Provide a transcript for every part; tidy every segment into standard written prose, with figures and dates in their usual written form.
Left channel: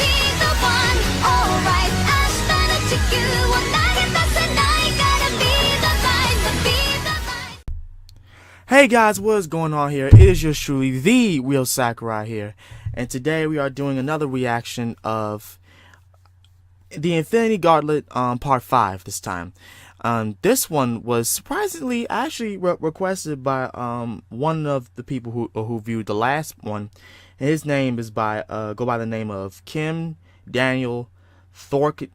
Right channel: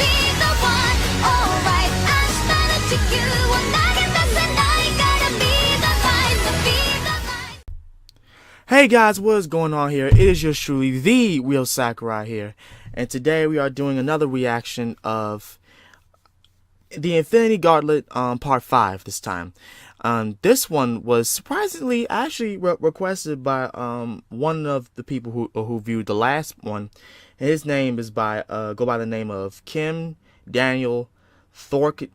be the one. Alright, 明日の地球を投げ出せないからbe the light, be the light. Hey guys, what is going on here? It is yours truly, the real Sakurai here, and today we are doing another reaction of the Infinity Gauntlet part 5 this time. This one was surprisingly actually requested by one of the people who viewed the last one. And his name is go by the name of Kim Daniel Thorkilston.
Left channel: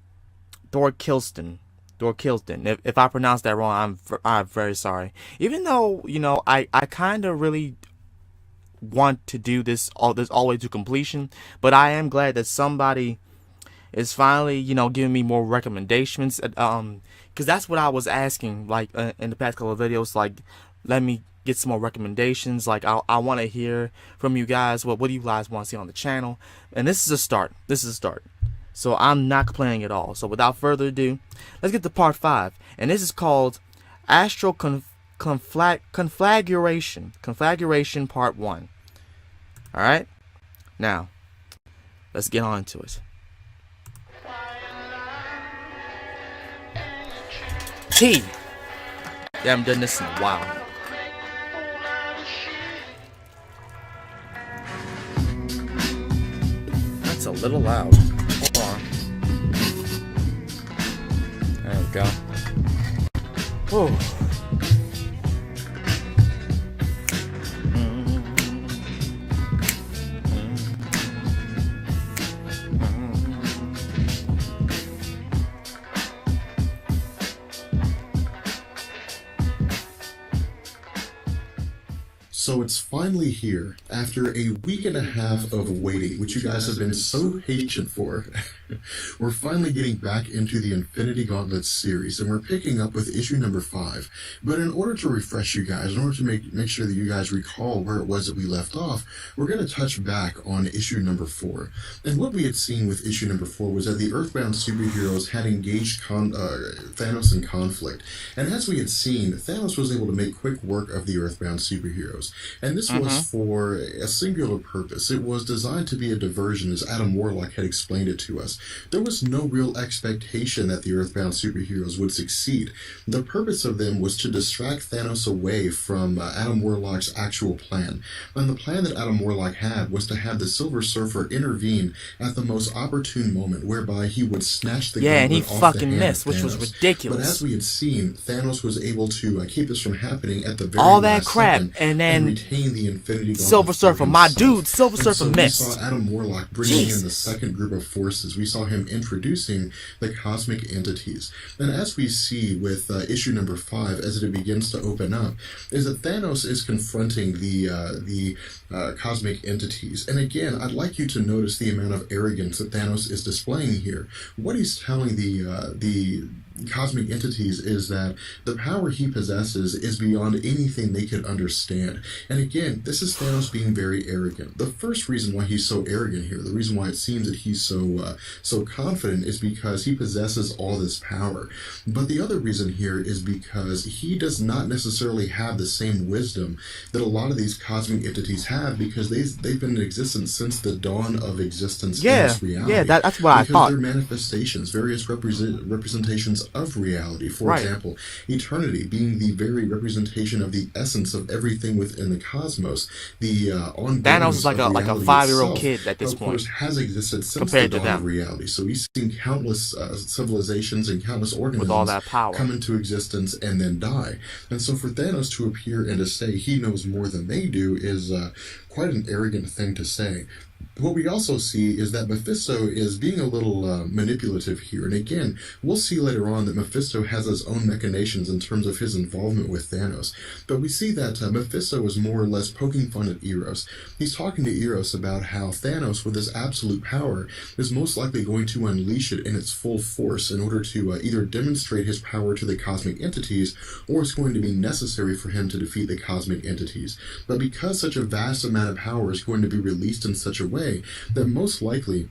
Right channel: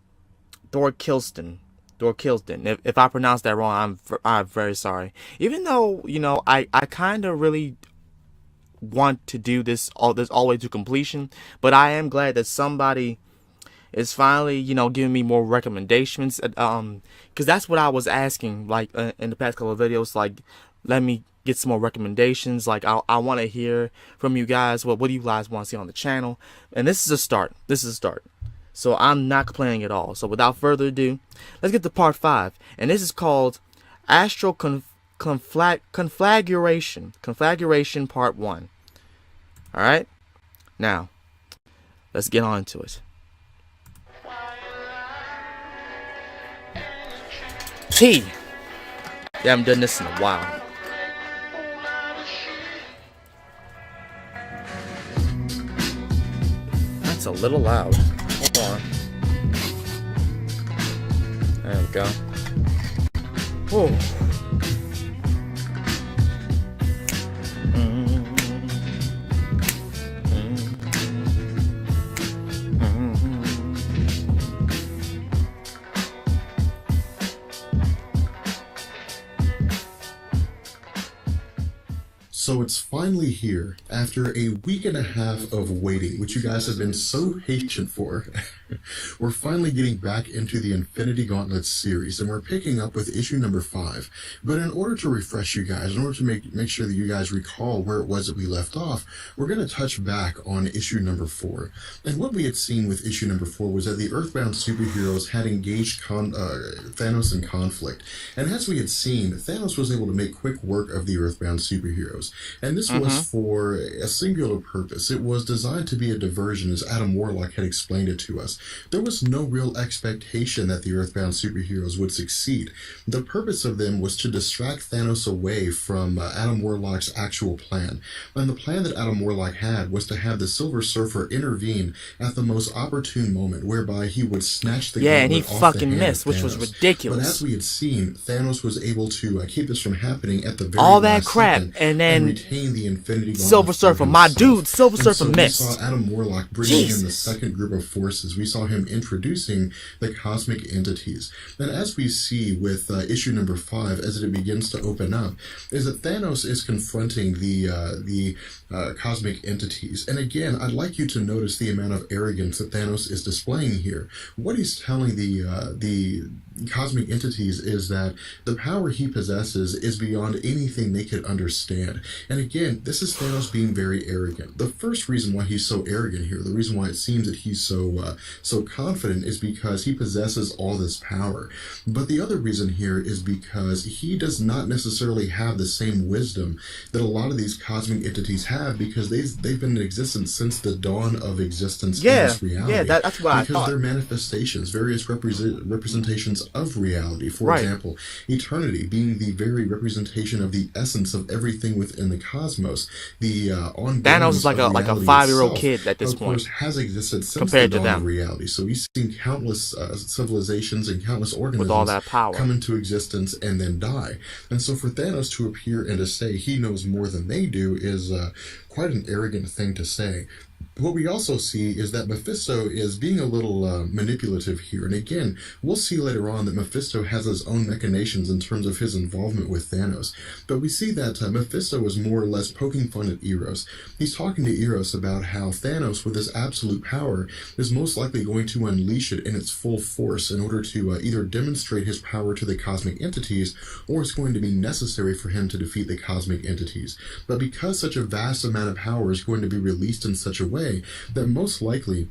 If I pronounced that wrong, I'm very sorry. Even though, you know, I kind of really want to do this all the way to completion, but I am glad that somebody is finally, you know, giving me more recommendations, because that's what I was asking, like, in the past couple of videos, like, let me get some more recommendations, like, I want to hear from you guys, what do you guys want to see on the channel, and this is a start, so I'm not complaining at all. So without further ado, let's get to part 5, and this is called Astral Conflagration part 1, alright, now, let's get on to it. Yeah, I haven't done this in a while. That's a little loud. Hold on. There we go. Oh. So it's finally here, after a week and a half of waiting, which you guys have been so patient for. We're finally getting back into the Infinity Gauntlet series, and we're picking up with issue number 5. But in order to refresh you guys, in order to make sure that you guys recall where it was that we left off, we're going to touch back on issue number 4. And what we had seen with issue number 4 was that the Earthbound superheroes had engaged Thanos in conflict. And as we had seen, Thanos was able to make quick work of the Earthbound superheroes. And this was for a singular purpose. It was designed to be a diversion, as Adam Warlock had explained it to us. There was no real expectation that the Earthbound superheroes would succeed. The purpose of them was to distract Thanos away from Adam Warlock's actual plan. And the plan that Adam Warlock had was to have the Silver Surfer intervene at the most opportune moment, whereby he would snatch the and he off fucking the hand missed, of which was Thanos. ridiculous. But as we had seen, Thanos was able to keep this from happening at the very all that last crap, second, and then retain the Infinity Gauntlet Silver Surfer, my dude, Silver Surfer we missed. saw Adam Warlock bringing in the second group of forces. We saw him introducing the cosmic entities. And as we see with issue number 5, as it begins to open up, is that Thanos is confronting the cosmic entities. And again, I'd like you to notice the amount of arrogance that Thanos is displaying here. What he's telling the cosmic entities is that the power he possesses is beyond anything they could understand. And again, this is Thanos being very arrogant. The first reason why he's so arrogant here, the reason why it seems that he's so confident, is because he possesses all this power. But the other reason here is because he does not necessarily have the same wisdom that a lot of these cosmic entities have, because they've been in existence since the dawn of existence in this reality. Yeah, that's what I thought. Because they're manifestations, various representations of reality. For example, eternity being the very representation of the essence of everything within the cosmos. The Thanos is like a 5-year-old kid at this point, has existed since compared the to dawn them. of reality. So we've seen countless civilizations and countless organisms with all that power come into existence and then die. And so for Thanos to appear and to say he knows more than they do is quite an arrogant thing to say. What we also see is that Mephisto is being a little manipulative here. And again, we'll see later on that Mephisto has his own machinations in terms of his involvement with Thanos. But we see that Mephisto is more or less poking fun at Eros. He's talking to Eros about how Thanos, with his absolute power, is most likely going to unleash it in its full force in order to either demonstrate his power to the cosmic entities, or it's going to be necessary for him to defeat the cosmic entities. But because such a vast amount of power is going to be released in such a way that most likely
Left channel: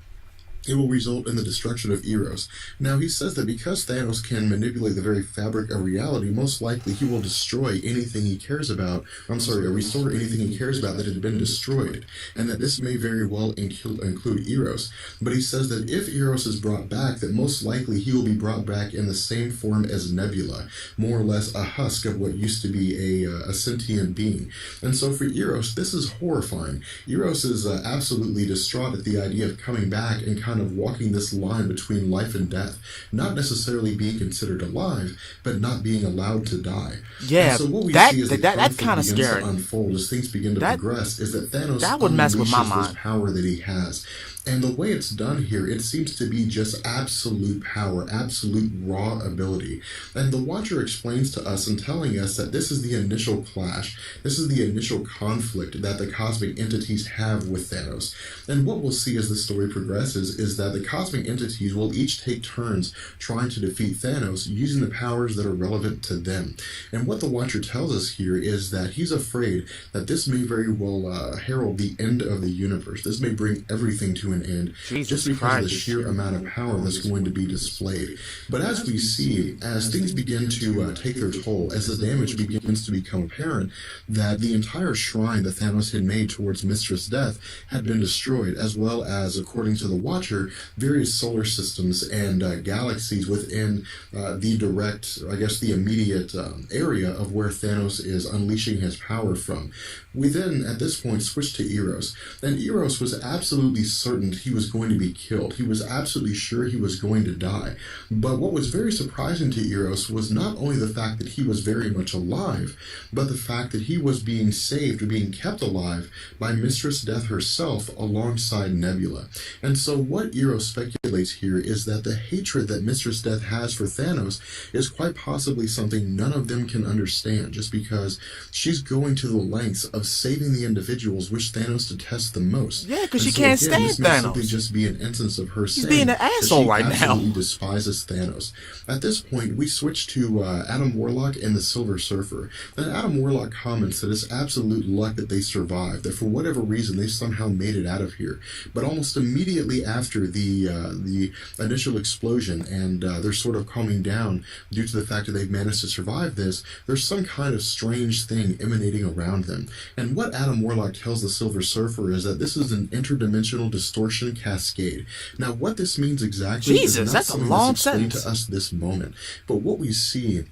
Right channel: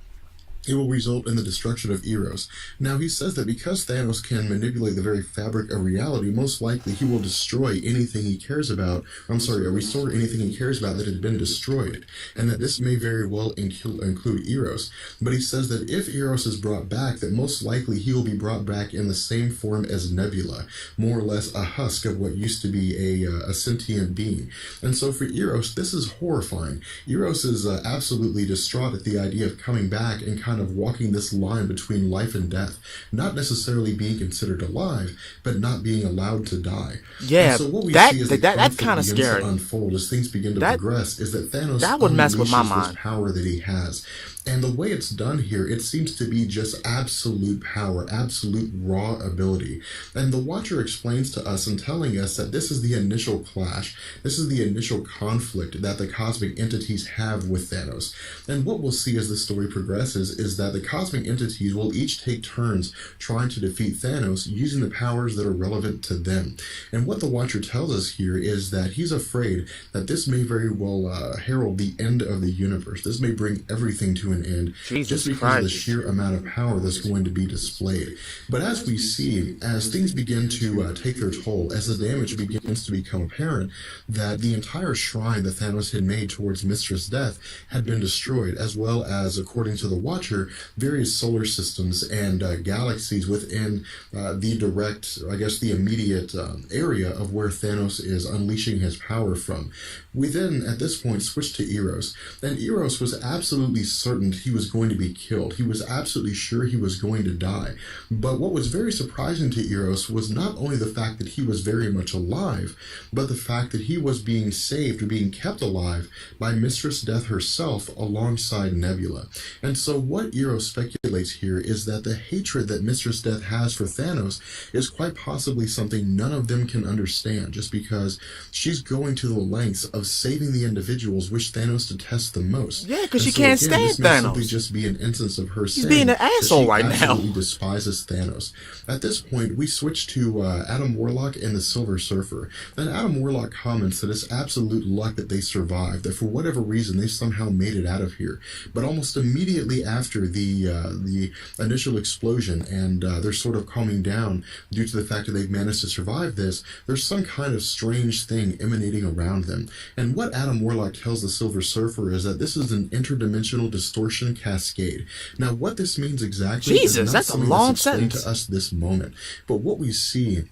it will result in the destruction of Eros. Now, he says that because Thanos can manipulate the very fabric of reality, most likely he will destroy anything he cares about, restore anything he cares about that had been destroyed, and that this may very well include Eros. But he says that if Eros is brought back, that most likely he will be brought back in the same form as Nebula, more or less a husk of what used to be a sentient being. And so for Eros, this is horrifying. Eros is absolutely distraught at the idea of coming back and kind of walking this line between life and death, not necessarily being considered alive, but not being allowed to die. Yeah, and so what we that see as that's kind of scary. To unfold as things begin to progress is that Thanos that would mess with my unleashes mind. this power that he has. And the way it's done here, it seems to be just absolute power, absolute raw ability. And the Watcher explains to us in telling us that this is the initial clash. This is the initial conflict that the cosmic entities have with Thanos. And what we'll see as the story progresses is that the cosmic entities will each take turns trying to defeat Thanos using the powers that are relevant to them. And what the Watcher tells us here is that he's afraid that this may very well herald the end of the universe. This may bring everything to an end, just because of the sheer amount of power that's going to be displayed. But as we see, as things begin to take their toll, as the damage begins to become apparent, that the entire shrine that Thanos had made towards Mistress Death had been destroyed, as well as, according to the Watcher, various solar systems and galaxies within the direct, the immediate area of where Thanos is unleashing his power from. We then, at this point, switched to Eros, and Eros was absolutely certain he was going to be killed. He was absolutely sure he was going to die. But what was very surprising to Eros was not only the fact that he was very much alive, but the fact that he was being saved or being kept alive by Mistress Death herself alongside Nebula. And so what Eros speculates here is that the hatred that Mistress Death has for Thanos is quite possibly something none of them can understand, just because she's going to the lengths of saving the individuals which Thanos detests the most. Yeah, because she can't stand Thanos. Simply just be an instance of her He's being an asshole right now. He despises Thanos. At this point, we switch to Adam Warlock and the Silver Surfer. And Adam Warlock comments that it's absolute luck that they survived, that for whatever reason they somehow made it out of here. But almost immediately after the initial explosion and they're sort of calming down due to the fact that they've managed to survive this, there's some kind of strange thing emanating around them. And what Adam Warlock tells the Silver Surfer is that this is an interdimensional distortion cascade. Now, what this means exactly is not that's a something long that's explained sentence to us this moment. But what we see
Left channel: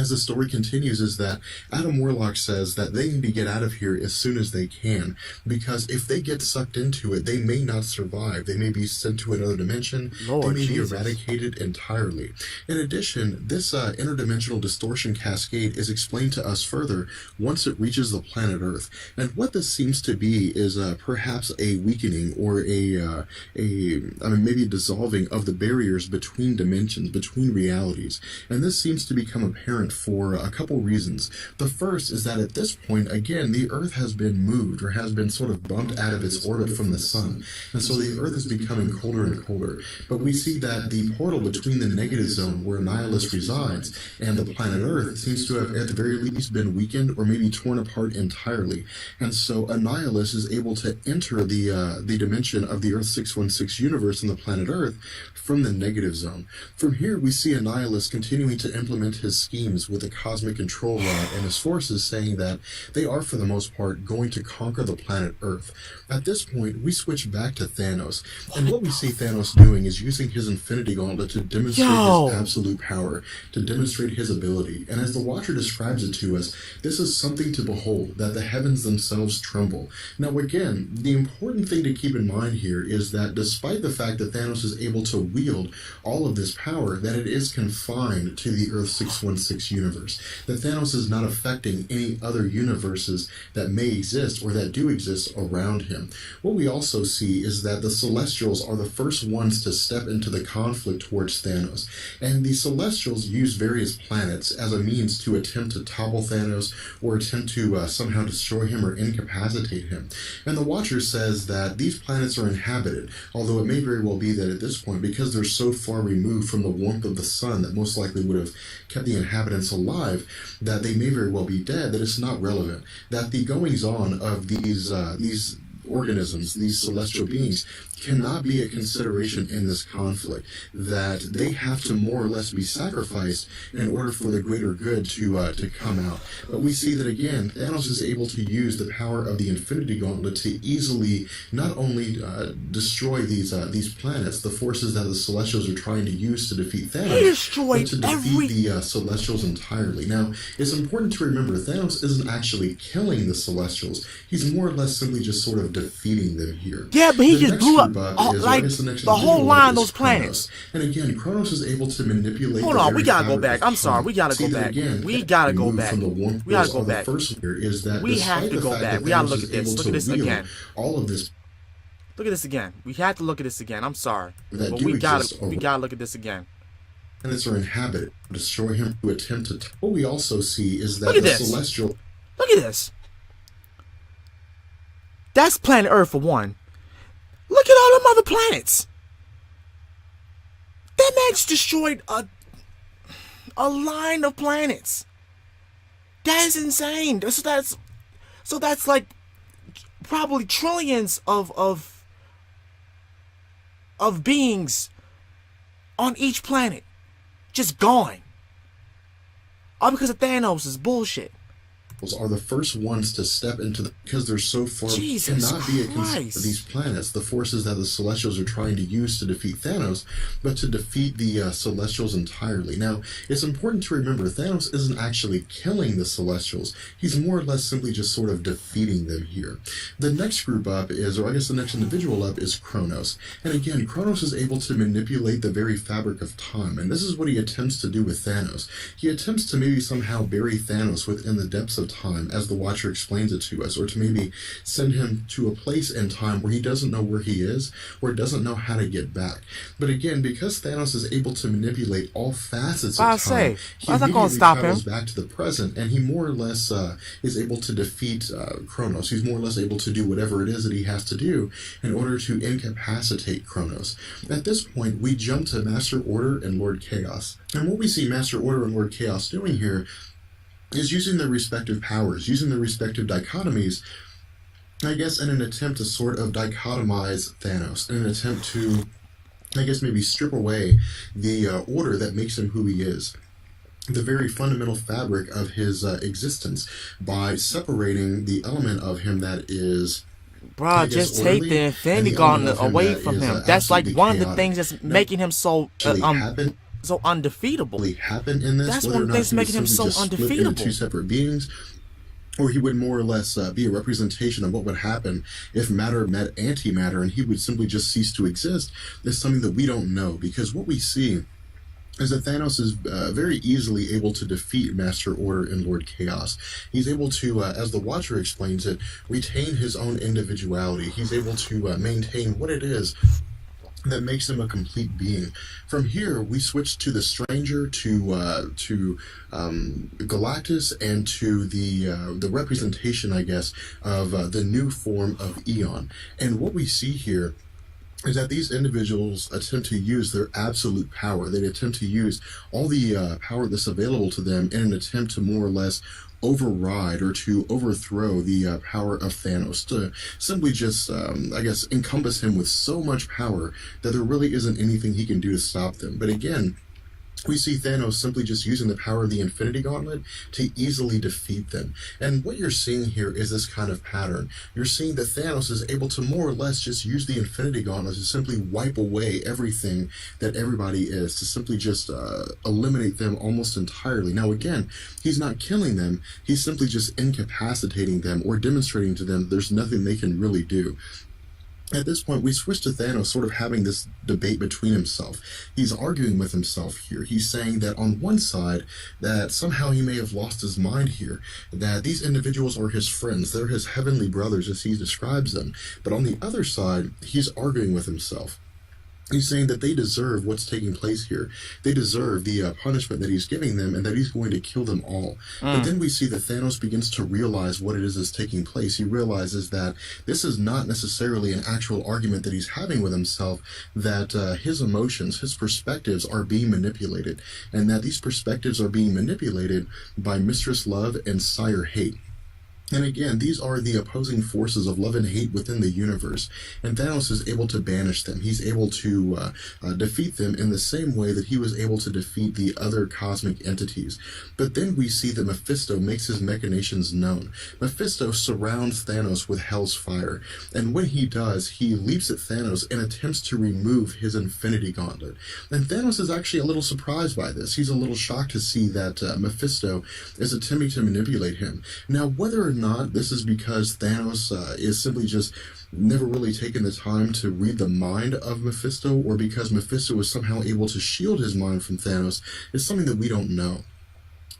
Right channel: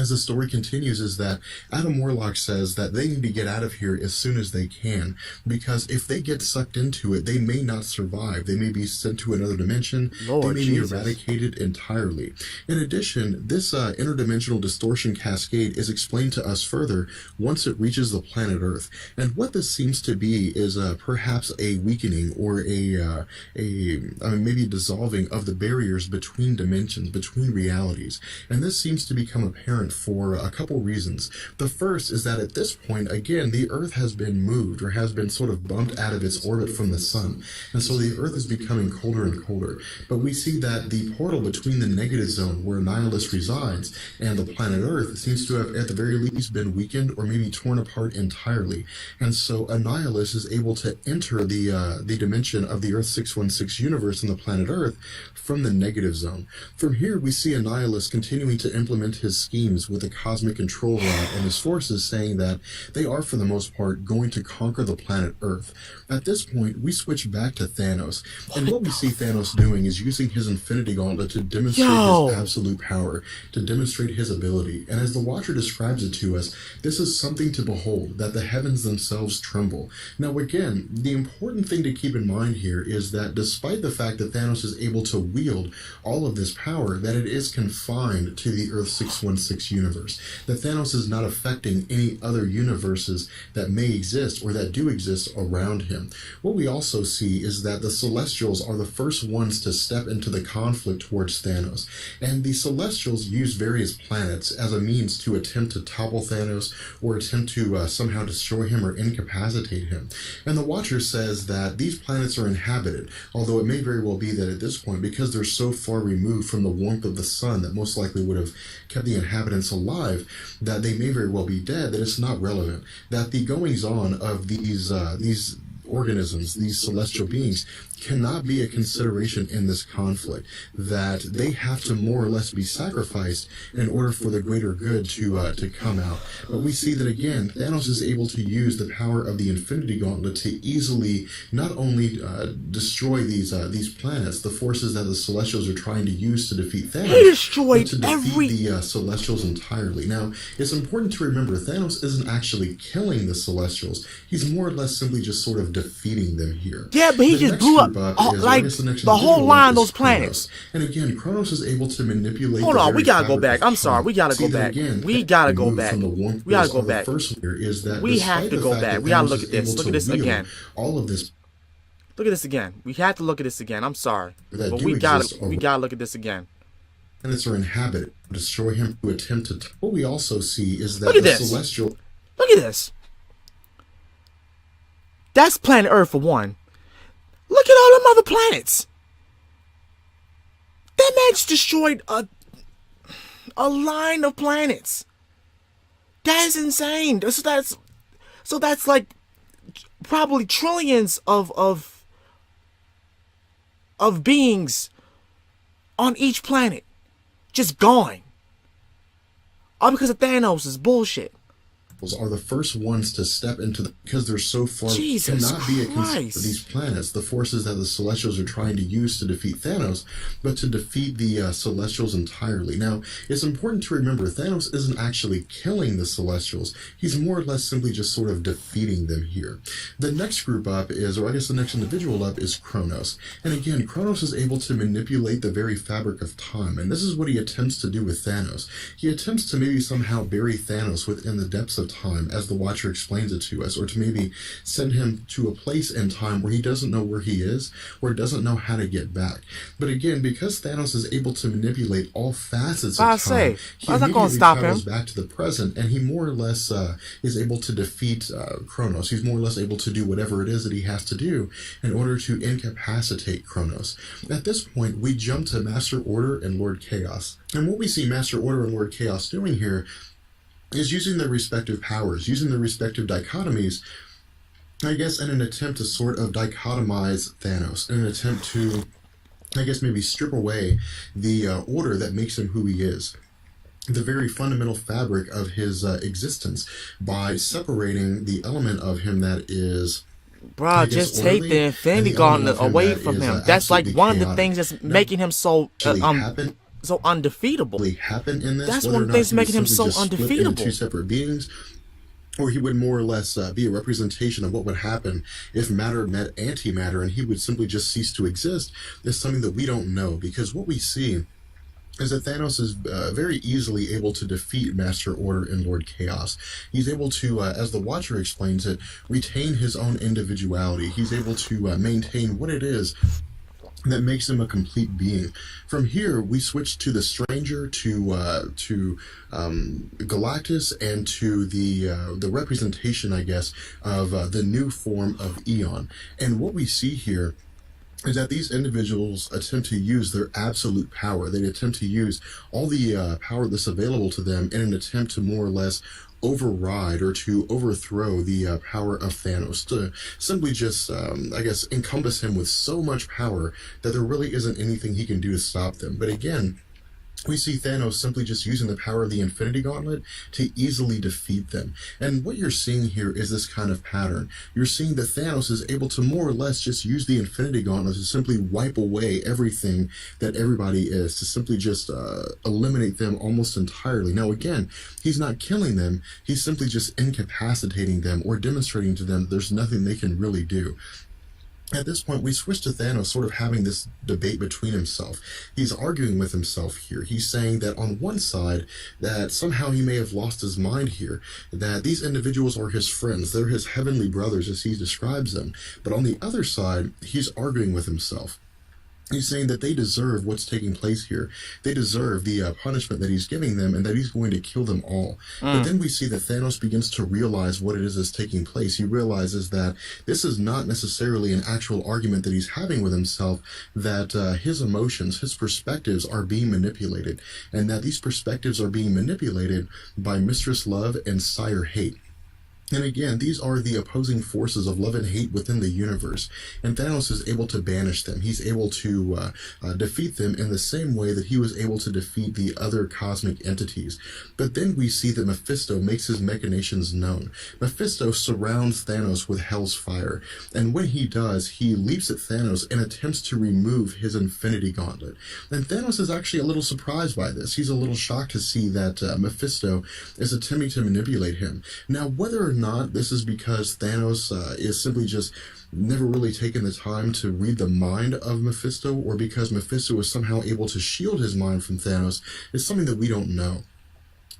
as the story continues is that Adam Warlock says that they need to get out of here as soon as they can, because if they get sucked into it, they may not survive. They may be sent to another dimension. Lord they may Jesus. be eradicated entirely. In addition, this interdimensional distortion cascade is explained to us further once it reaches the planet Earth. And what this seems to be is perhaps a weakening or maybe a dissolving of the barriers between dimensions, between realities. And this seems to become apparent for a couple reasons. The first is that at this point, again, the Earth has been moved or has been sort of bumped out of its orbit from the sun. And so the Earth is becoming colder and colder. But we see that the portal between the negative zone where Nihilus resides and the planet Earth seems to have at the very least been weakened or maybe torn apart entirely. And so Nihilus is able to enter the dimension of the Earth 616 universe and the planet Earth from the negative zone. From here, we see Nihilus continuing to implement his schemes with the cosmic control rod and his forces, saying that they are, for the most part, going to conquer the planet Earth. At this point, we switch back to Thanos, and what we see Thanos doing is using his Infinity Gauntlet to demonstrate his absolute power, to demonstrate his ability. And as the Watcher describes it to us, this is something to behold, that the heavens themselves tremble. Now again, the important thing to keep in mind here is that despite the fact that Thanos is able to wield all of this power, that it is confined to the Earth 616 universe. That Thanos is not affecting any other universes that may exist or that do exist around him. What we also see is that the Celestials are the first ones to step into the conflict towards Thanos, and the Celestials use various planets as a means to attempt to topple Thanos or attempt to somehow destroy him or incapacitate him. And the Watcher says that these planets are inhabited, although it may very well be that at this point, because they're so far removed from the warmth of the sun that most likely would have kept the inhabitants alive, that they may very well be dead, that it's not relevant, that the goings-on of these organisms, these celestial beings, cannot be a consideration in this conflict, that they have to more or less be sacrificed in order for the greater good to come out. But we see that again, Thanos is able to use the power of the Infinity Gauntlet to easily not only destroy these planets, the forces that the Celestials are trying to use to defeat Thanos, He destroyed but to defeat the Celestials entirely. Now, it's important to remember Thanos isn't actually killing the Celestials. He's more or less simply just sort of defeating them here. Yeah, but he The just next blew up group like is the whole line of those Kronos. planets. And again, Kronos is able to manipulate. Hold the on, very we gotta go fabric back. of I'm sorry, time. we gotta See go that back. again, We that gotta go move back. from the warmth We gotta of go the back. first here is that We have despite to the go fact back. that We gotta Thanos look is at this. able Look to at this wield again. all of this Look at this again. We had to look at this again. I'm sorry, that but do we exist gotta look at this again. planets are inhabited, destroy him to attempt to. What we also see is that Look at the this. celestial. Look at this. That's planet Earth for one. Look at all them other planets. That man's destroyed a line of planets. That is insane. So that's like probably trillions of beings on each planet just gone. All because of Thanos' bullshit. Are the first ones to step into because they're so far Jesus cannot be a Christ. these planets, the forces that the Celestials are trying to use to defeat Thanos, but to defeat the Celestials entirely. Now, it's important to remember Thanos isn't actually killing the Celestials. He's more or less simply just sort of defeating them here. The next group up is, or I guess the next individual up is Kronos. And again, Kronos is able to manipulate the very fabric of time, and this is what he attempts to do with Thanos. He attempts to maybe somehow bury Thanos within the depths of time, as the Watcher explains it to us, or to maybe send him to a place in time where he doesn't know where he is, or doesn't know how to get back. But again, because Thanos is able to manipulate all facets of time, he I was not gonna immediately stop travels him. back to the present, and he more or less is able to defeat Kronos. He's more or less able to do whatever it is that he has to do in order to incapacitate Kronos. At this point, we jump to Master Order and Lord Chaos. And what we see Master Order and Lord Chaos doing here is using their respective powers, using their respective dichotomies, I guess, in an attempt to sort of dichotomize Thanos, in an attempt to, I guess, maybe strip away the order that makes him who he is, the very fundamental fabric of his existence, by separating the element of him that is, Bruh, just take the Infinity Gauntlet away from him. That's like one of the things that's making him so so undefeatable. Happen in this, That's whether one or of the not things he making him simply so just split into undefeatable. two separate beings, or he would more or less be a representation of what would happen if matter met antimatter, and he would simply just cease to exist, is something that we don't know, because what we see is that Thanos is very easily able to defeat Master Order and Lord Chaos. He's able to, as the Watcher explains it, retain his own individuality. He's able to maintain what it is that makes him a complete being. From here, we switch to the Stranger, to Galactus, and to the representation, I guess, of the new form of Eon. And what we see here is that these individuals attempt to use their absolute power. They attempt to use all the power that's available to them in an attempt to more or less override or to overthrow the power of Thanos, to simply just, I guess, encompass him with so much power that there really isn't anything he can do to stop them. But again, we see Thanos simply just using the power of the Infinity Gauntlet to easily defeat them. And what you're seeing here is this kind of pattern. You're seeing that Thanos is able to more or less just use the Infinity Gauntlet to simply wipe away everything that everybody is, to simply just eliminate them almost entirely. Now again, he's not killing them, he's simply just incapacitating them or demonstrating to them there's nothing they can really do. At this point, we switch to Thanos sort of having this debate between himself. He's arguing with himself here. He's saying that on one side, that somehow he may have lost his mind here, that these individuals are his friends, they're his heavenly brothers as he describes them. But on the other side, he's arguing with himself. He's saying that they deserve what's taking place here. They deserve the punishment that he's giving them, and that he's going to kill them all. But then we see that Thanos begins to realize what it is that's taking place. He realizes that this is not necessarily an actual argument that he's having with himself, that his emotions, his perspectives are being manipulated, and that these perspectives are being manipulated by Mistress Love and Sire Hate. And again, these are the opposing forces of love and hate within the universe, and Thanos is able to banish them. He's able to defeat them in the same way that he was able to defeat the other cosmic entities. But then we see that Mephisto makes his machinations known. Mephisto surrounds Thanos with Hell's fire, and when he does, he leaps at Thanos and attempts to remove his Infinity Gauntlet. And Thanos is actually a little surprised by this. He's a little shocked to see that Mephisto is attempting to manipulate him. Now, whether or not this is because Thanos is simply just never really taken the time to read the mind of Mephisto, or because Mephisto is somehow able to shield his mind from Thanos, is something that we don't know.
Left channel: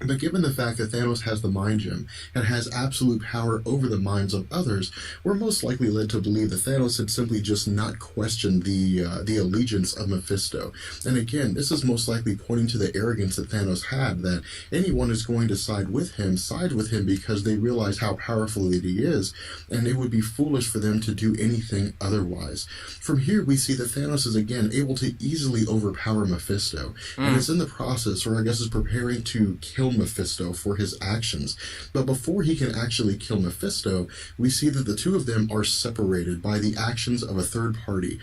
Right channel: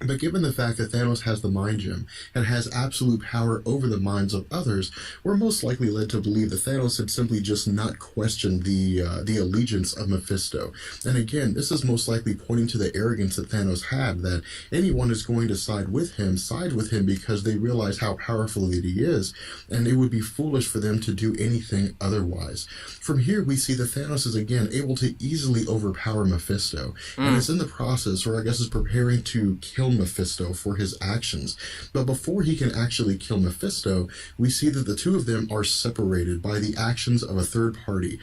But given the fact that Thanos has the Mind Gem and has absolute power over the minds of others, we're most likely led to believe that Thanos had simply just not questioned the allegiance of Mephisto. And again, this is most likely pointing to the arrogance that Thanos had, that anyone who's going to side with him because they realize how powerful that he is, and it would be foolish for them to do anything otherwise. From here, we see that Thanos is again able to easily overpower Mephisto, and is in the process, or I guess is preparing to kill Mephisto for his actions. But before he can actually kill Mephisto, we see that the two of them are separated by the actions of a third party.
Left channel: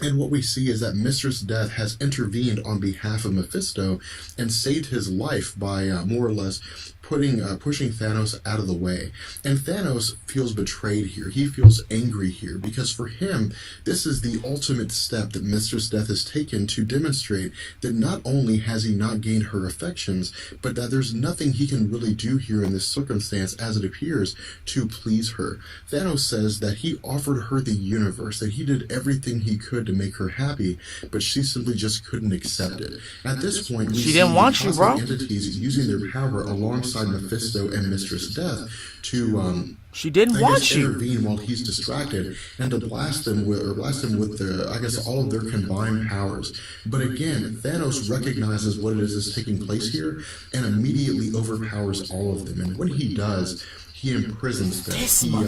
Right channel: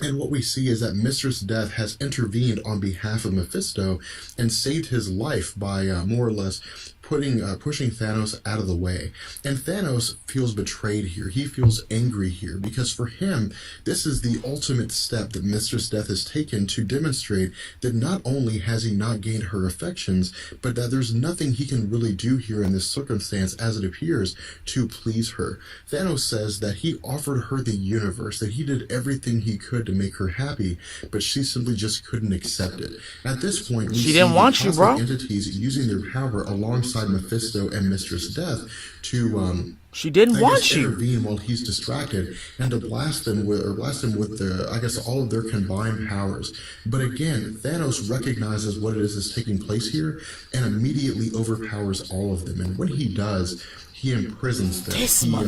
And what we see is that Mistress Death has intervened on behalf of Mephisto and saved his life by more or less pushing Thanos out of the way. And Thanos feels betrayed here. He feels angry here, because for him, this is the ultimate step that Mistress Death has taken to demonstrate that not only has he not gained her affections, but that there's nothing he can really do here in this circumstance, as it appears, to please her. Thanos says that he offered her the universe, that he did everything he could to make her happy, but she simply just couldn't accept it. At this point, She didn't want you, bro. Entities using their power alongside Mephisto and Mistress Death to She didn't want you. intervene while he's distracted, and to blast him with the, I guess, all of their combined powers. But again, Thanos recognizes what it is that's taking place here and immediately overpowers all of them. And when he does, he imprisons them. He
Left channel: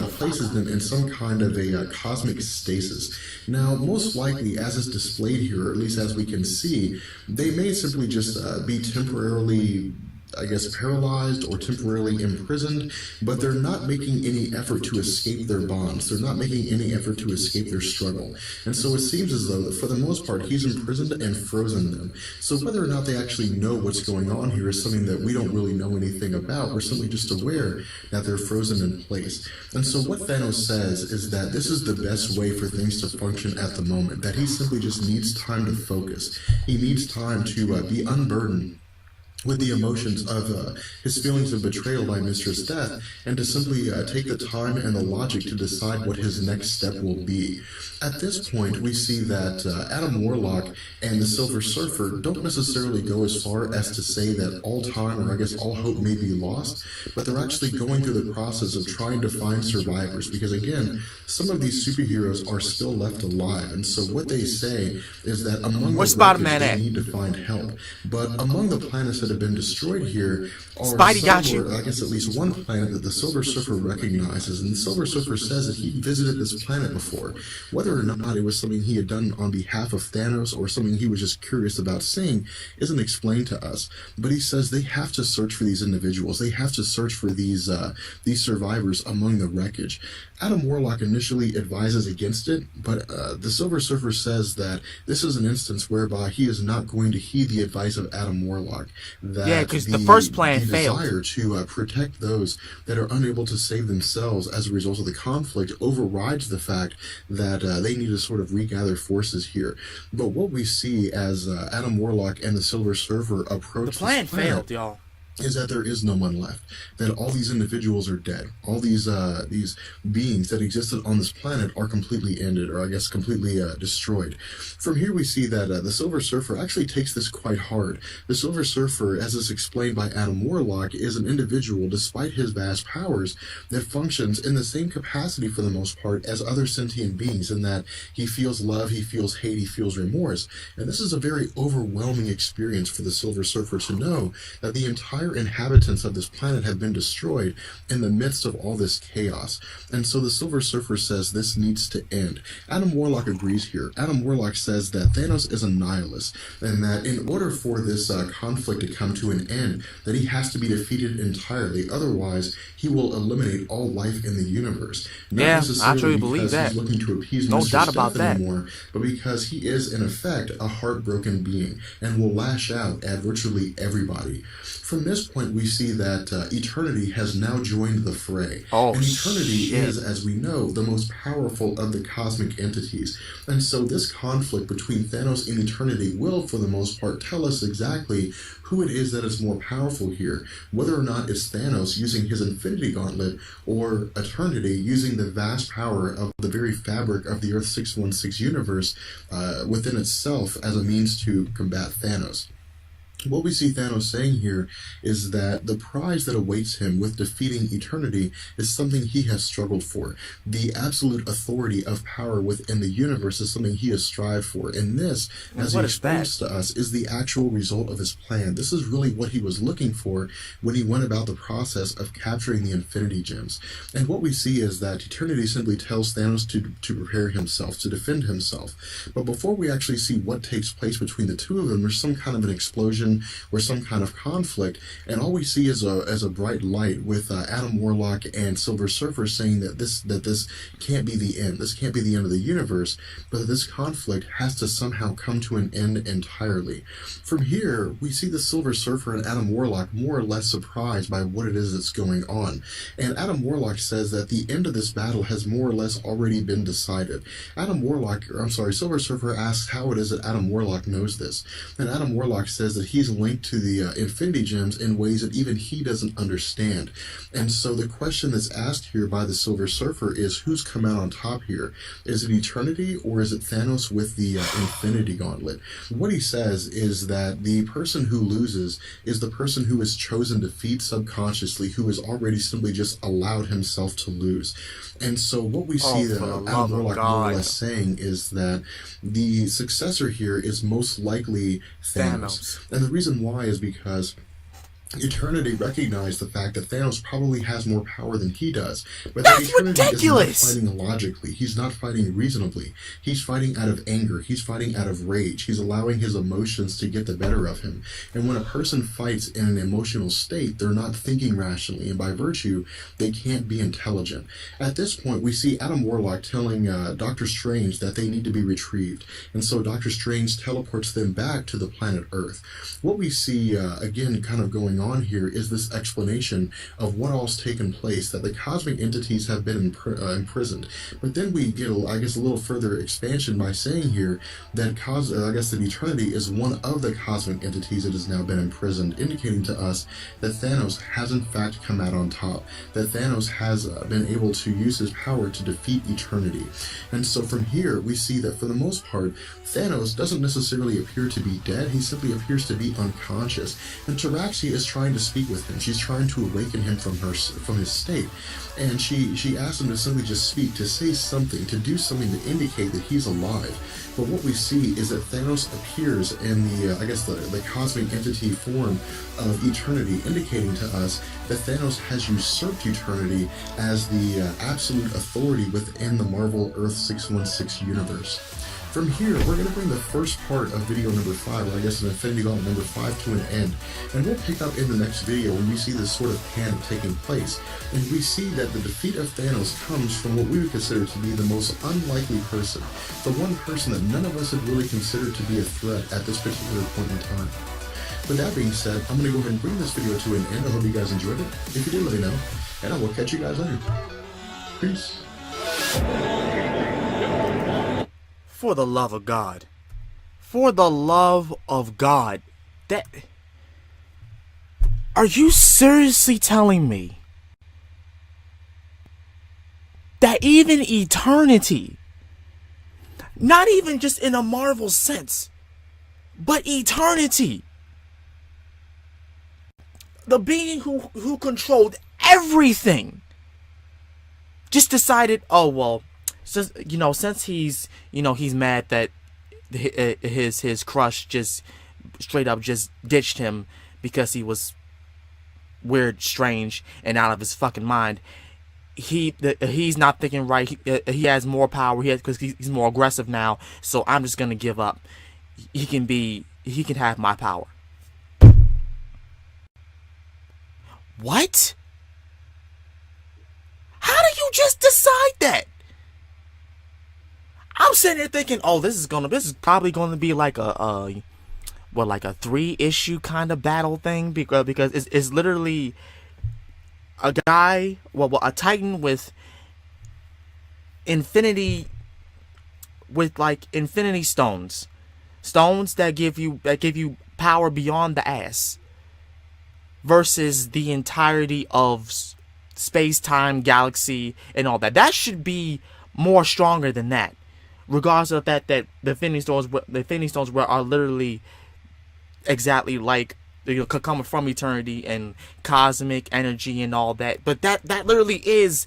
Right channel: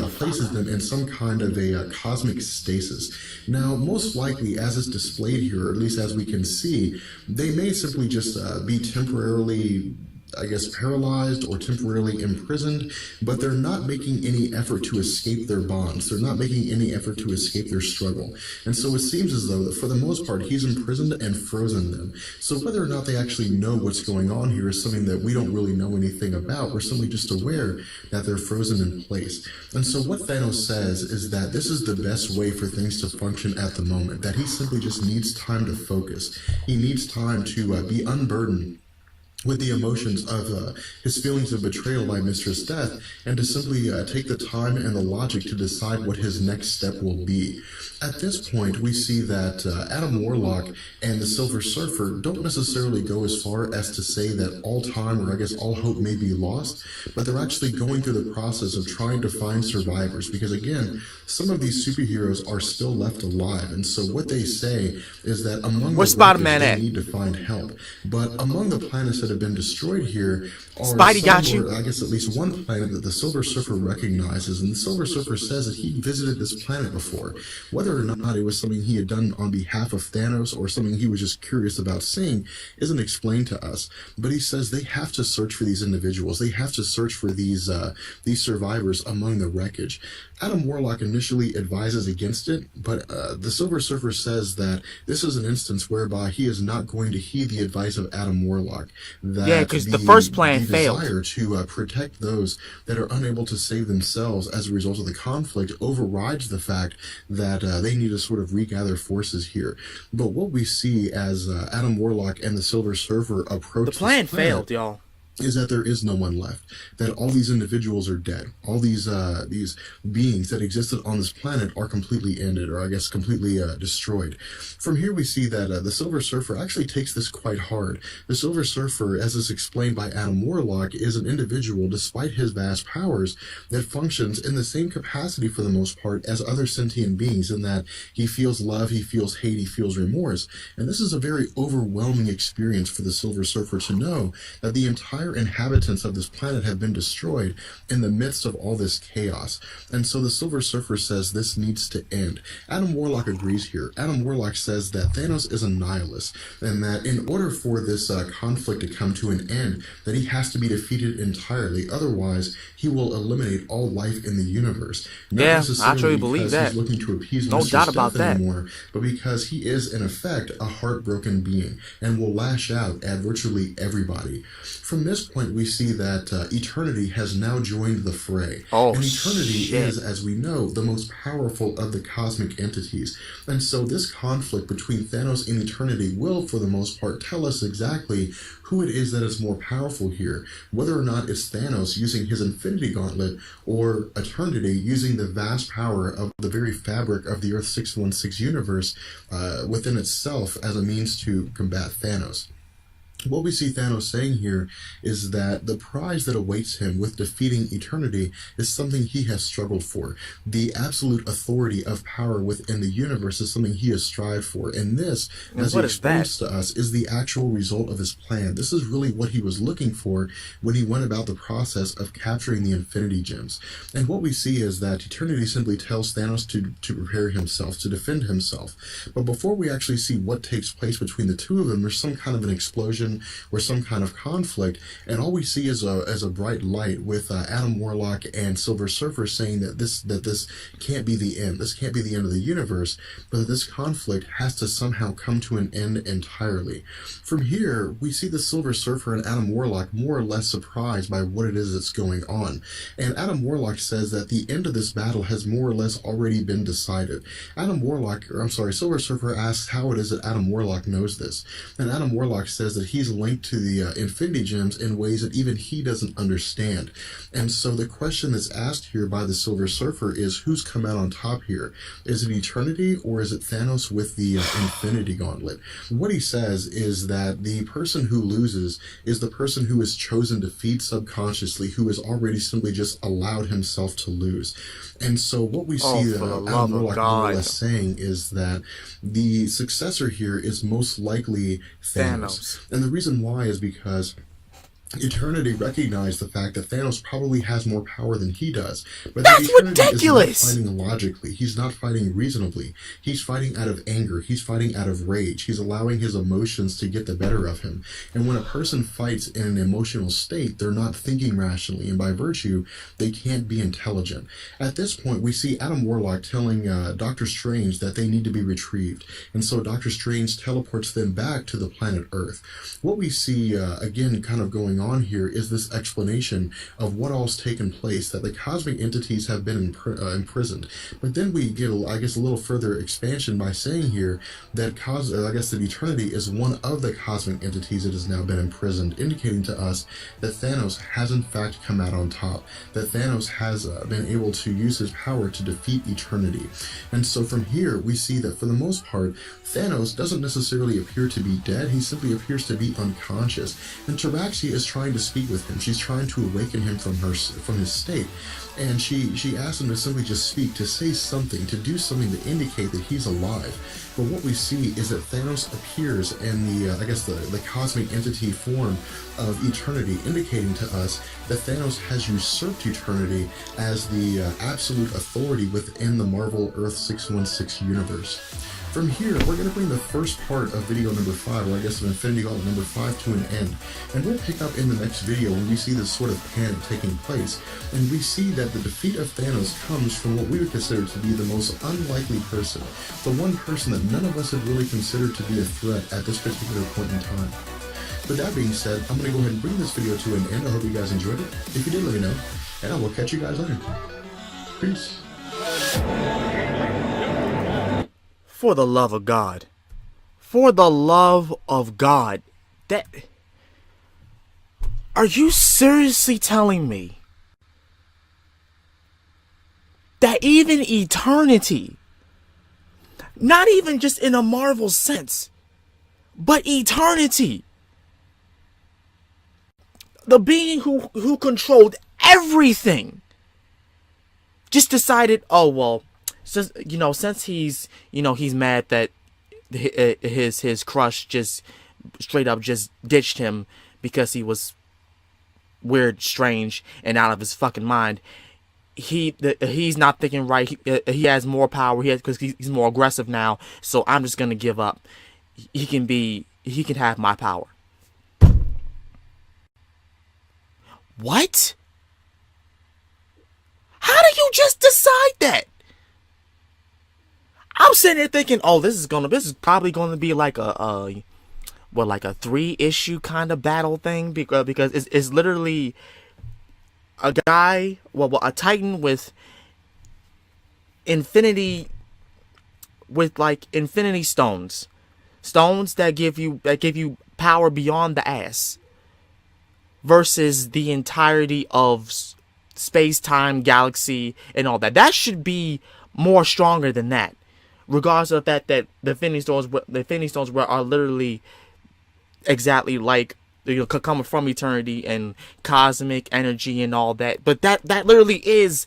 places them in some kind of a cosmic stasis. Now, most likely, as is displayed here, or at least as we can see, they may simply just be temporarily, I guess, paralyzed or temporarily imprisoned, but they're not making any effort to escape their bonds. They're not making any effort to escape their struggle. And so it seems as though that for the most part, he's imprisoned and frozen them. So whether or not they actually know what's going on here is something that we don't really know anything about. We're simply just aware that they're frozen in place. And so what Thanos says is that this is the best way for things to function at the moment, that he simply just needs time to focus. He needs time to be unburdened with the emotions of his feelings of betrayal by Mistress Death, and to simply take the time and the logic to decide what his next step will be. At this point, we see that Adam Warlock and the Silver Surfer don't necessarily go as far as to say that all time, or I guess all hope, may be lost, but they're actually going through the process of trying to find survivors, because again, some of these superheroes are still left alive, and so what they say is that among Where's the wreckage, Spider-Man they at? need to find help. But among the planets that have been destroyed here are Spidey got you. I guess at least one planet that the Silver Surfer recognizes, and the Silver Surfer says that he visited this planet before. Whether or not it was something he had done on behalf of Thanos or something he was just curious about seeing isn't explained to us. But he says they have to search for these individuals. They have to search for these survivors among the wreckage. Adam Warlock initially advises against it, but the Silver Surfer says that this is an instance whereby he is not going to heed the advice of Adam Warlock. That Yeah, because the first plan the failed. desire to protect those that are unable to save themselves as a result of the conflict overrides the fact that they need to sort of regather forces here. But what we see as Adam Warlock and the Silver Surfer approach The plan this planet failed, y'all. is that there is no one left, that all these individuals are dead. All these beings that existed on this planet are completely ended, or I guess completely destroyed. From here we see that the Silver Surfer actually takes this quite hard. The Silver Surfer, as is explained by Adam Warlock, is an individual, despite his vast powers, that functions in the same capacity for the most part as other sentient beings, in that he feels love, he feels hate, he feels remorse. And this is a very overwhelming experience for the Silver Surfer to know that the entire entire inhabitants of this planet have been destroyed in the midst of all this chaos. And so the Silver Surfer says this needs to end. Adam Warlock agrees here. Adam Warlock says that Thanos is a nihilist, and that in order for this conflict to come to an end, that he has to be defeated entirely. Otherwise, he will eliminate all life in the universe. Not Yeah, I necessarily truly believe because that. he's looking to appease No Mr. doubt about Steph that. anymore, but because he is, in effect, a heartbroken being and will lash out at virtually everybody. From this point, we see that Eternity has now joined the fray. Oh, and Eternity shit. is, as we know, the most powerful of the cosmic entities. And so this conflict between Thanos and Eternity will, for the most part, tell us exactly who it is that is more powerful here. Whether or not it's Thanos using his Infinity Gauntlet or Eternity using the vast power of the very fabric of the Earth 616 universe within itself as a means to combat Thanos. What we see Thanos saying here is that the prize that awaits him with defeating Eternity is something he has struggled for. The absolute authority of power within the universe is something he has strived for. And this, as he explains to us, is the actual result of his plan. This is really what he was looking for when he went about the process of capturing the Infinity Gems. And what we see is that Eternity simply tells Thanos to prepare himself, to defend himself. But before we actually see what takes place between the two of them, there's some kind of an explosion or some kind of conflict, and all we see is a bright light with Adam Warlock and Silver Surfer saying that this can't be the end. This can't be the end of the universe, but that this conflict has to somehow come to an end entirely. From here, we see the Silver Surfer and Adam Warlock more or less surprised by what it is that's going on. And Adam Warlock says that the end of this battle has more or less already been decided. Silver Surfer asks how it is that Adam Warlock knows this. And Adam Warlock says that he's linked to the Infinity Gems in ways that even he doesn't understand. And so the question that's asked here by the Silver Surfer is, who's come out on top here? Is it Eternity or is it Thanos with the Infinity Gauntlet? What he says is that the person who loses is the person who has chosen defeat subconsciously, who has already simply just allowed himself to lose. And so what we see that Adam Warlock more or less saying is that the successor here is most likely Thanos. And the reason why is because Eternity recognized the fact that Thanos probably has more power than he does. But that's Eternity ridiculous! is not fighting logically. He's not fighting reasonably. He's fighting out of anger. He's fighting out of rage. He's allowing his emotions to get the better of him. And when a person fights in an emotional state, they're not thinking rationally, and by virtue, they can't be intelligent. At this point, we see Adam Warlock telling Doctor Strange that they need to be retrieved. And so Doctor Strange teleports them back to the planet Earth. What we see, again, kind of going on here is this explanation of what all's taken place, that the cosmic entities have been imprisoned. But then we get, I guess, a little further expansion by saying here that that Eternity is one of the cosmic entities that has now been imprisoned, indicating to us that Thanos has in fact come out on top, that Thanos has been able to use his power to defeat Eternity. And so from here we see that for the most part Thanos doesn't necessarily appear to be dead, he simply appears to be unconscious. And Taraxia is trying to speak with him. She's trying to awaken him from his state. And she asks him to simply just speak, to say something, to do something to indicate that he's alive. But what we see is that Thanos appears in the cosmic entity form of Eternity, indicating to us that Thanos has usurped Eternity as the absolute authority within the Marvel Earth 616 universe. From here, we're going to bring the first part of video number 5, or I guess of Infinity Gauntlet number 5, to an end. And we'll pick up in the next video when we see this sort of panic taking place. And we see that the defeat of Thanos comes from what we would consider to be the most unlikely person. The one person that none of us had really considered to be a threat at this particular point in time. But that being said, I'm going to go ahead and bring this video to an end. I hope you guys enjoyed it. If you did, let me know. And I will catch you guys later. Peace. For the love of God. For the love of God. Are you seriously telling me that even Eternity, not even just in a Marvel sense, but Eternity, the being who controlled everything, just decided, oh well, since he's mad that his crush just straight up just ditched him because he was weird, strange, and out of his fucking mind. He's not thinking right. He has more power. Because he's more aggressive now. So I'm just gonna give up. He can have my power. What? How do you just decide that? I'm sitting there thinking, oh, this is probably gonna be like a 3-issue kind of battle thing, because it's literally a guy, a Titan with infinity stones that give you power beyond the ass, versus the entirety of space-time, galaxy, and all that. That should be more stronger than that, regardless of the fact that the Infinity Stones are literally exactly like, coming from eternity and cosmic energy and all that. But that literally is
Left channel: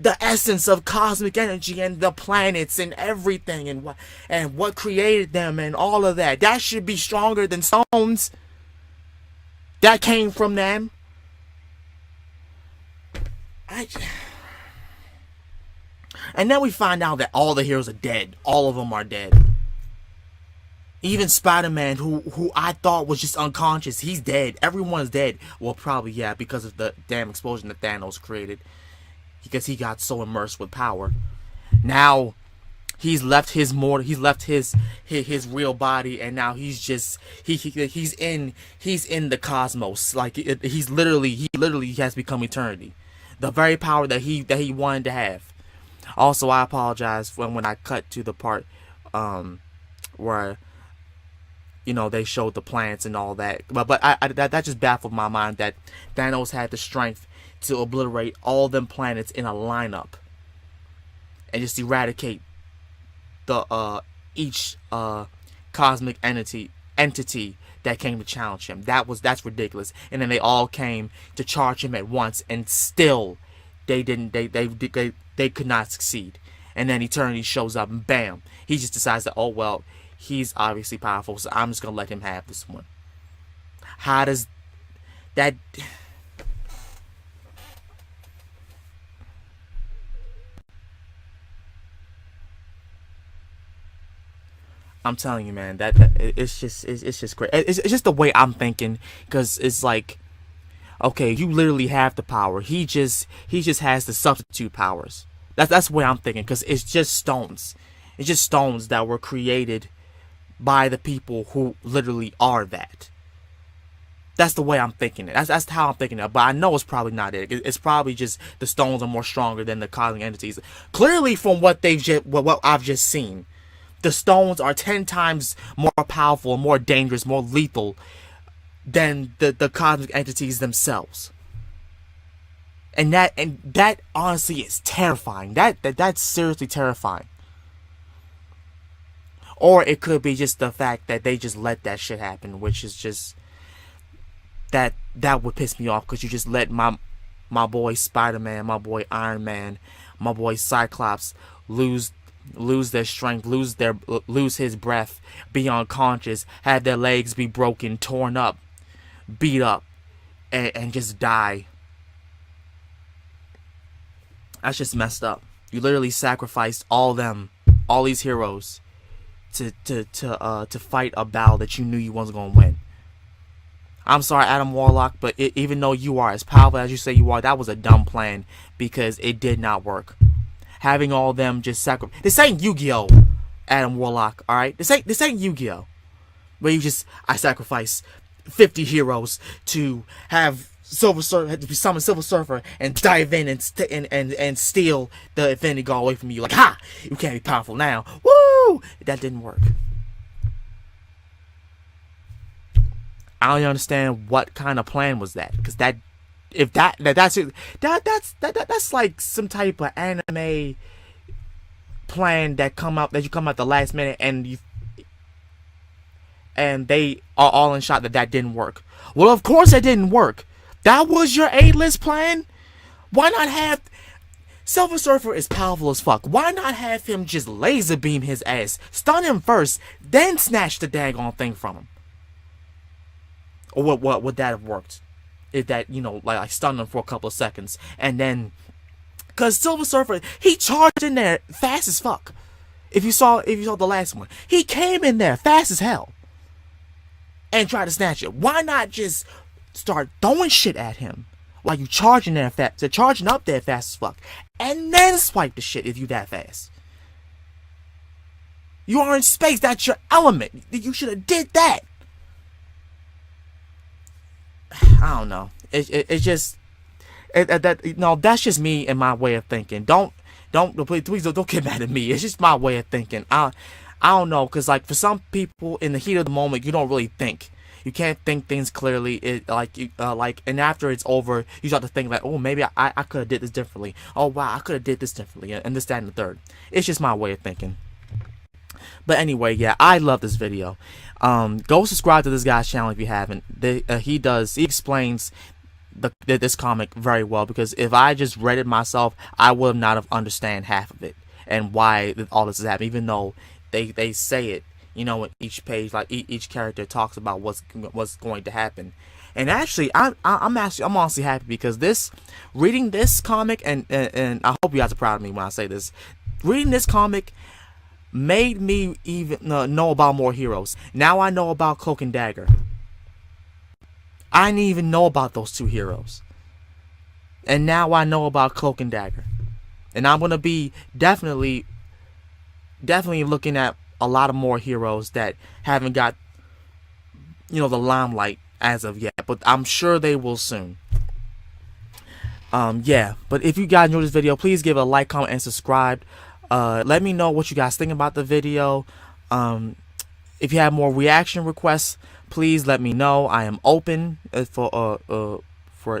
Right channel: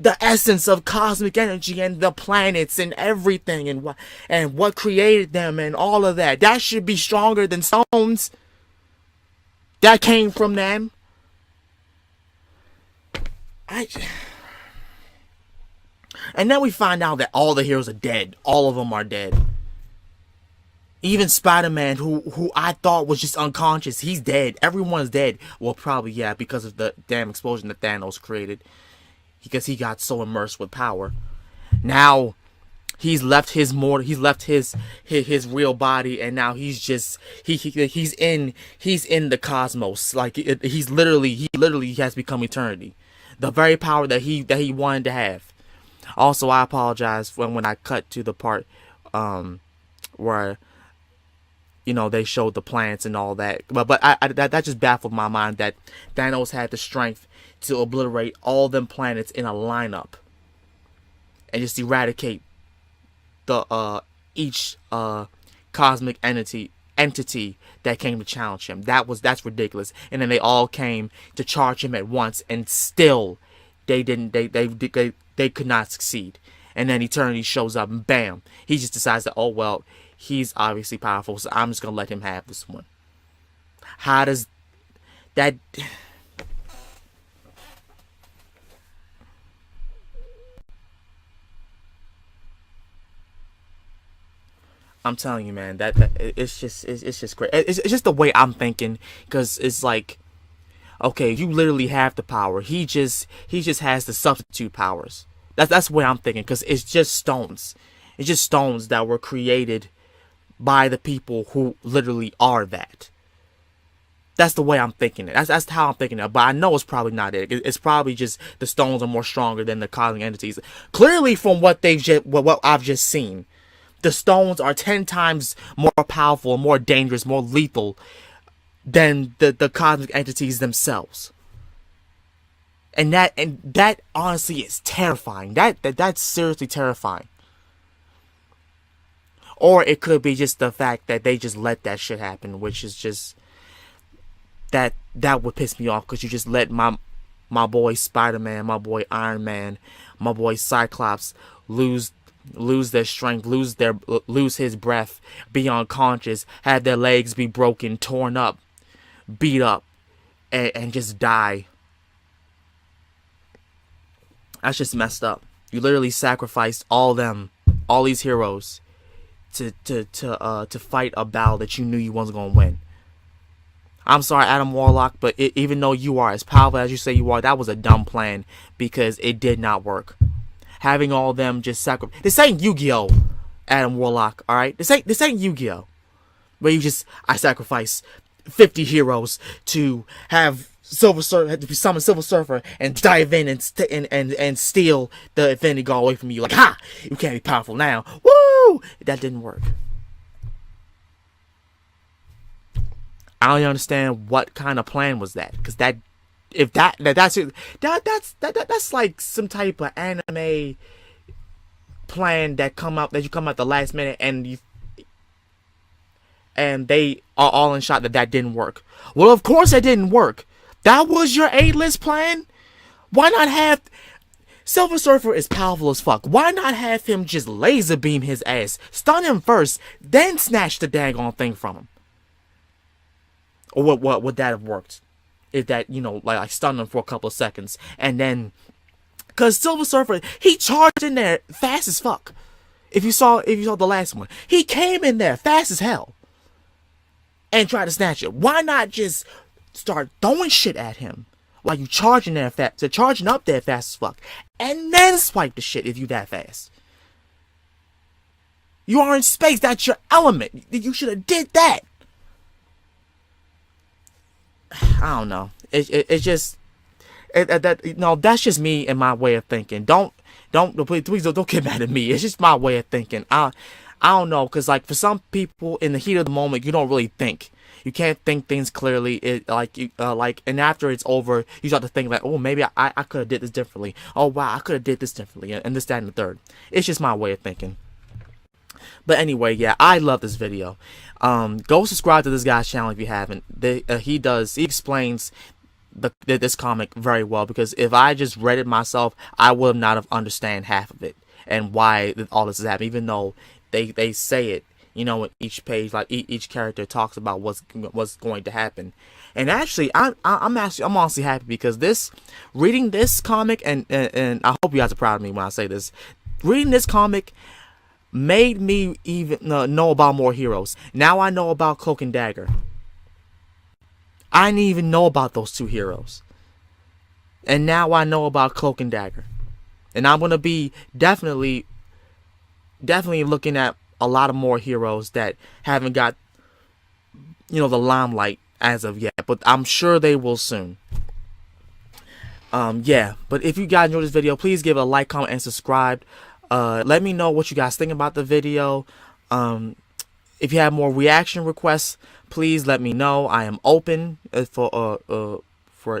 the essence of cosmic energy and the planets and everything and what created them and all of that. That should be stronger than stones that came from them. And then we find out that all the heroes are dead. All of them are dead. Even Spider-Man, who I thought was just unconscious, he's dead. Everyone's dead. Well, probably, yeah, because of the damn explosion that Thanos created. Because he got so immersed with power. Now, he's left his real body, and now he's just he's in the cosmos. Like he literally has become eternity. The very power that he wanted to have. Also, I apologize when I cut to the part where they showed the planets and all that. But that just baffled my mind that Thanos had the strength to obliterate all them planets in a lineup and just eradicate the each cosmic entity that came to challenge him. That's ridiculous. And then they all came to charge him at once, and still they could not succeed. And then Eternity shows up, and bam, he just decides that, oh well, he's obviously powerful, so I'm just gonna let him have this one. How does that? I'm telling you, man, that it's just great. It's just the way I'm thinking, because it's like, okay, you literally have the power. He just has the substitute powers. That's the way I'm thinking, because it's just stones. It's just stones that were created by the people who literally are that. That's the way I'm thinking it. That's how I'm thinking it. But I know it's probably not it. It's probably just the stones are more stronger than the cosmic entities. Clearly, from what I've just seen, the stones are 10 times more powerful, more dangerous, more lethal than the cosmic entities themselves. And that honestly is terrifying. That's seriously terrifying. Or it could be just the fact that they just let that shit happen, which is just that would piss me off, because you just let my boy Spider-Man, my boy Iron Man, my boy Cyclops lose their strength, lose his breath, be unconscious, have their legs be broken, torn up, beat up, and just die. That's just messed up. You literally sacrificed all these heroes to fight a battle that you knew you wasn't gonna win. I'm sorry, Adam Warlock, but even though you are as powerful as you say you are, that was a dumb plan, because it did not work. Having all them just sacrifice. This ain't Yu-Gi-Oh! Adam Warlock, alright? This ain't Yu-Gi-Oh! Where I sacrifice 50 heroes to have summon Silver Surfer and dive in and steal the Infinity Gauntlet away from you. Like, ha! You can't be powerful now. Woo! That didn't work. I don't understand what kind of plan was that, because that's like some type of anime plan that you come out the last minute and they are all in shot that didn't work. Well, of course it didn't work. That was your A-list plan? Why not have Silver Surfer is powerful as fuck. Why not have him just laser beam his ass, stun him first, then snatch the daggone thing from him? Or would that have worked? that, you know, like stun them for a couple of seconds, and then, cause Silver Surfer, he charged in there fast as fuck. If you saw the last one, he came in there fast as hell and tried to snatch it. Why not just start throwing shit at him while you charging there charging up there fast as fuck, and then swipe the shit if you that fast? You are in space. That's your element. You should have did that. I don't know. It's just that's just me and my way of thinking. Please don't get mad at me. It's just my way of thinking. I don't know, cause like for some people in the heat of the moment, you don't really think. You can't think things clearly. And after it's over, you start to think like, oh, maybe I could have did this differently. Oh wow, I could have did this differently, and this, that, and the third. It's just my way of thinking. But anyway, yeah, I love this video. Go subscribe to this guy's channel if you haven't. He explains this comic very well, because if I just read it myself, I would not have understand half of it and why all this is happening. Even though they say it, you know, in each page, like each character talks about what's going to happen. And actually, I'm honestly happy, because reading this comic, and I hope you guys are proud of me when I say this, reading this comic made me even know about more heroes. Now I know about Cloak and Dagger. I didn't even know about those two heroes, and now I know about Cloak and Dagger. And I'm gonna be definitely looking at a lot of more heroes that haven't got, you know, the limelight as of yet, but I'm sure they will soon. Yeah, but if you guys enjoyed this video, please give it a like, comment, and subscribe. Let me know what you guys think about the video. If you have more reaction requests, please let me know. I am open for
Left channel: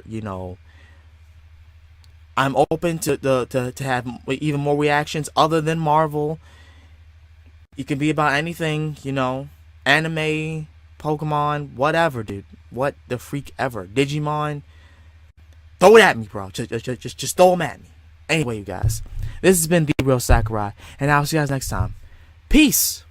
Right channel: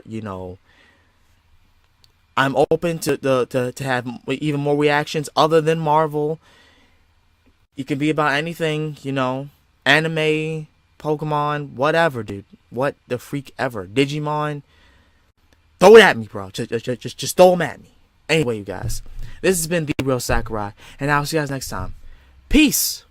you know, I'm open to have even more reactions other than Marvel. It can be about anything, you know, anime, Pokemon, whatever, dude. What the freak ever. Digimon. Throw it at me, bro. Just throw them at me. Anyway, you guys, this has been The Real Sakurai, and I'll see you guys next time. Peace.